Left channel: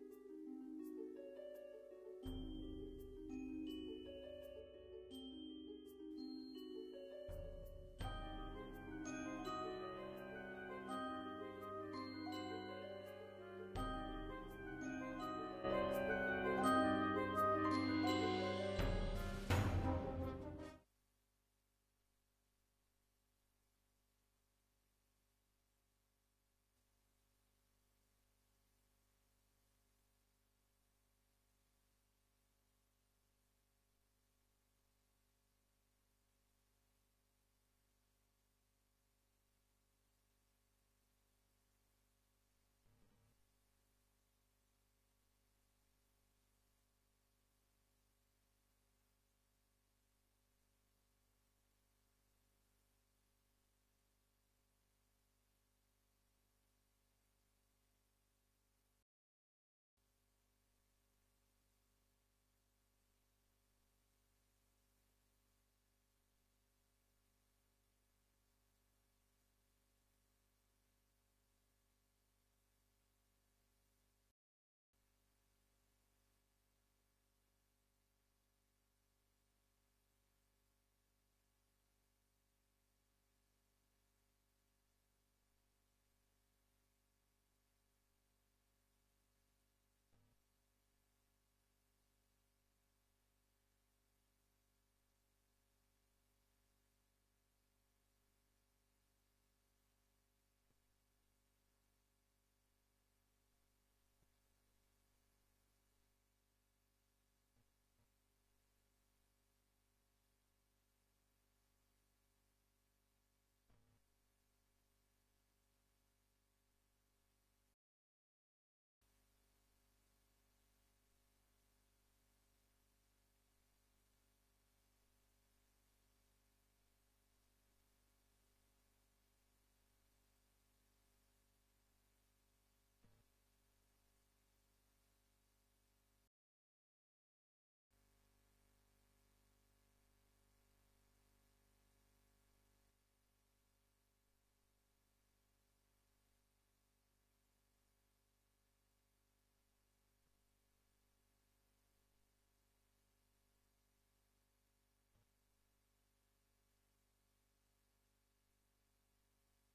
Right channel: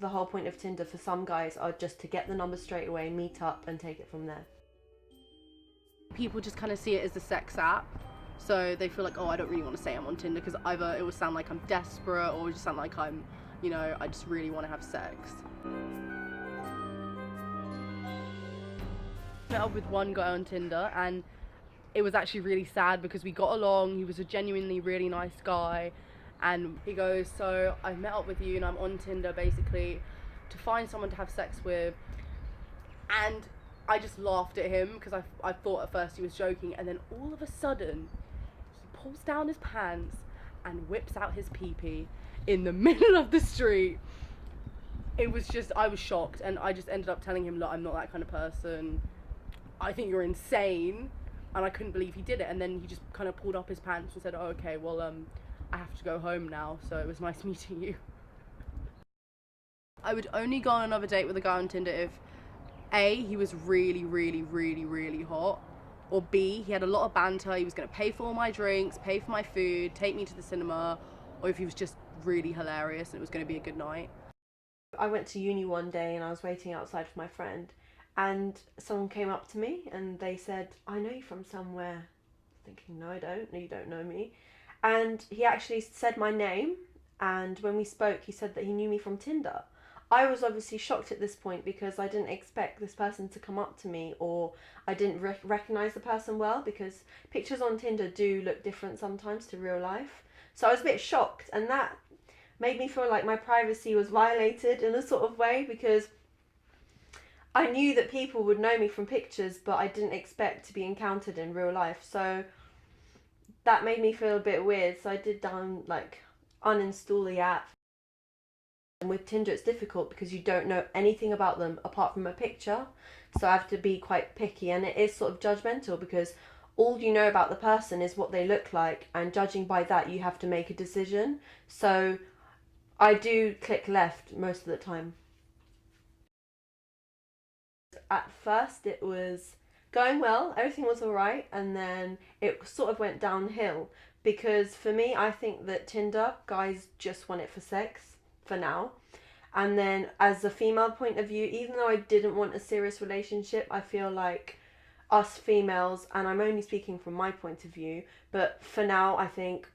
the whole point of Tinder for some guys are just to get the number straight away, meet up and take it from there. People just kind of see it as a sex app, so they feel like, oh, I don't really want to say I'm on Tinder because either it will sound like I'm desperate or it will just sound like I'm, you know, I just really want to have sex. I met up with one guy on Tinder and it was actually really sad because we got along. He was a genuinely really nice guy, and he goes, so I met up with you and I'm on Tinder basically to find someone to have sex with. And I just laughed at him because I thought at first he was joking, and then all of a sudden he pulls down his pants and whips out his pee-pee in the middle of the street. It was just, I was shocked, and I just ended up telling him, look, I'm not that kind of person. I think you're insane. And I couldn't believe he did it, and then he just kind of pulled up his pants and said, oh, okay, well, I have to go home now, so it was nice meeting you. I would only go on another date with a guy on Tinder if A, he was really, really, really, really hot, or B, he had a lot of banter, he was going to pay for all my drinks, pay for my food, take me to the cinema, or if he was just really hilarious and it was going to be a good night. I went to uni one day and I was waiting outside for my friend, and someone came up to me and they said, I know you from somewhere. Thinking, no, I don't. No, you don't know me. And he actually said my name, and when we spoke he said that he knew me from Tinder. I was obviously shocked at this point because I didn't expect this person to come up to me, or I didn't recognise the person well, because pictures on Tinder do look different sometimes to real life. So I was a bit shocked, and that made me feel like my privacy was violated in a sort of way, because I knew that people would know me from pictures, but I didn't expect to be encountered in real life. So that made me feel a bit weird. So I did uninstall the app. And with Tinder it's difficult because you don't know anything about them apart from a picture. So I have to be quite picky, and it is sort of judgmental because all you know about the person is what they look like, and judging by that you have to make a decision. So I do click left most of the time. At first it was going well, everything was alright, and then it sort of went downhill because for me, I think that Tinder guys just want it for sex for now. And then as a female point of view, even though I didn't want a serious relationship, I feel like us females, and I'm only speaking from my point of view, but for now I think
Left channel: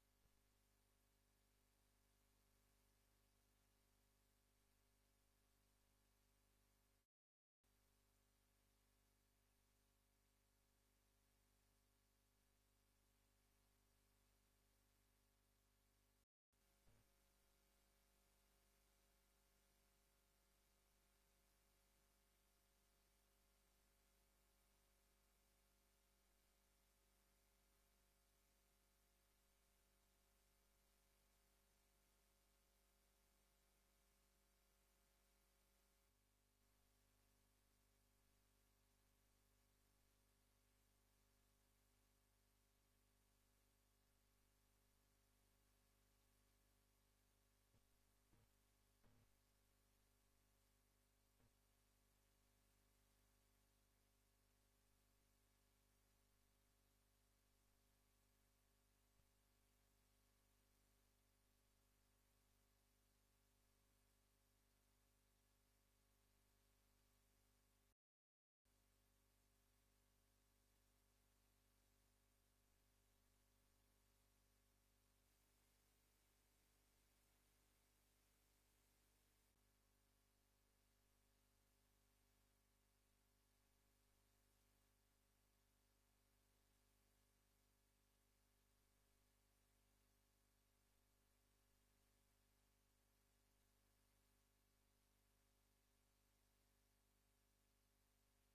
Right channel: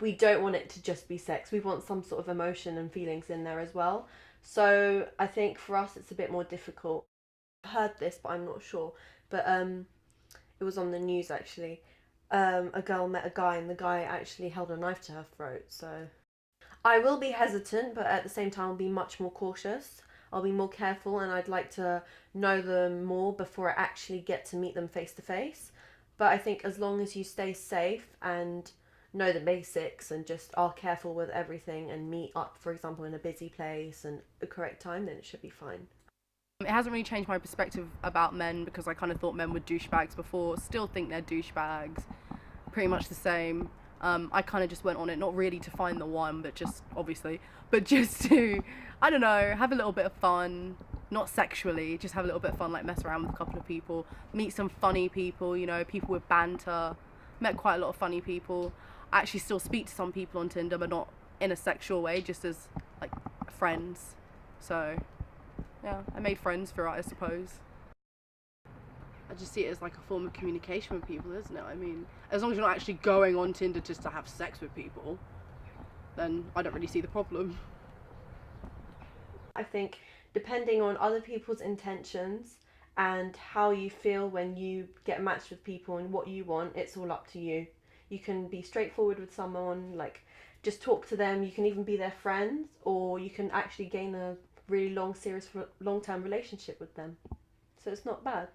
we don't want it to just be sex. We want some sort of emotion and feelings in there as well. So I think for us it's a bit more difficult. Heard this, but I'm not sure. But it was on the news actually. A girl met a guy, and the guy actually held a knife to her throat. So I will be hesitant, but at the same time I'll be much more cautious. I'll be more careful, and I'd like to know them more before I actually get to meet them face to face. But I think as long as you stay safe and know the basics and just are careful with everything and meet up, for example, in a busy place and a correct time, then it should be fine. It hasn't really changed my perspective about men because I kind of thought men were douchebags before. Still think they're douchebags. Pretty much the same. I kind of just went on it, not really to find the one, but just, obviously, but just to, I don't know, have a little bit of fun. Not sexually, just have a little bit of fun, like mess around with a couple of people. Meet some funny people, you know, people with banter. Met quite a lot of funny people. I actually still speak to some people on Tinder, but not in a sexual way, just as, like, friends. So yeah, I made friends through it, I suppose. I just see it as like a form of communication with people, isn't it? I mean, as long as you're not actually going on Tinder just to have sex with people, then I don't really see the problem. I think depending on other people's intentions and how you feel when you get matched with people and what you want, it's all up to you. You can be straightforward with someone, like just talk to them. You can even be their friends, or you can actually gain a really long, serious, long-term relationship with them. So it's not bad.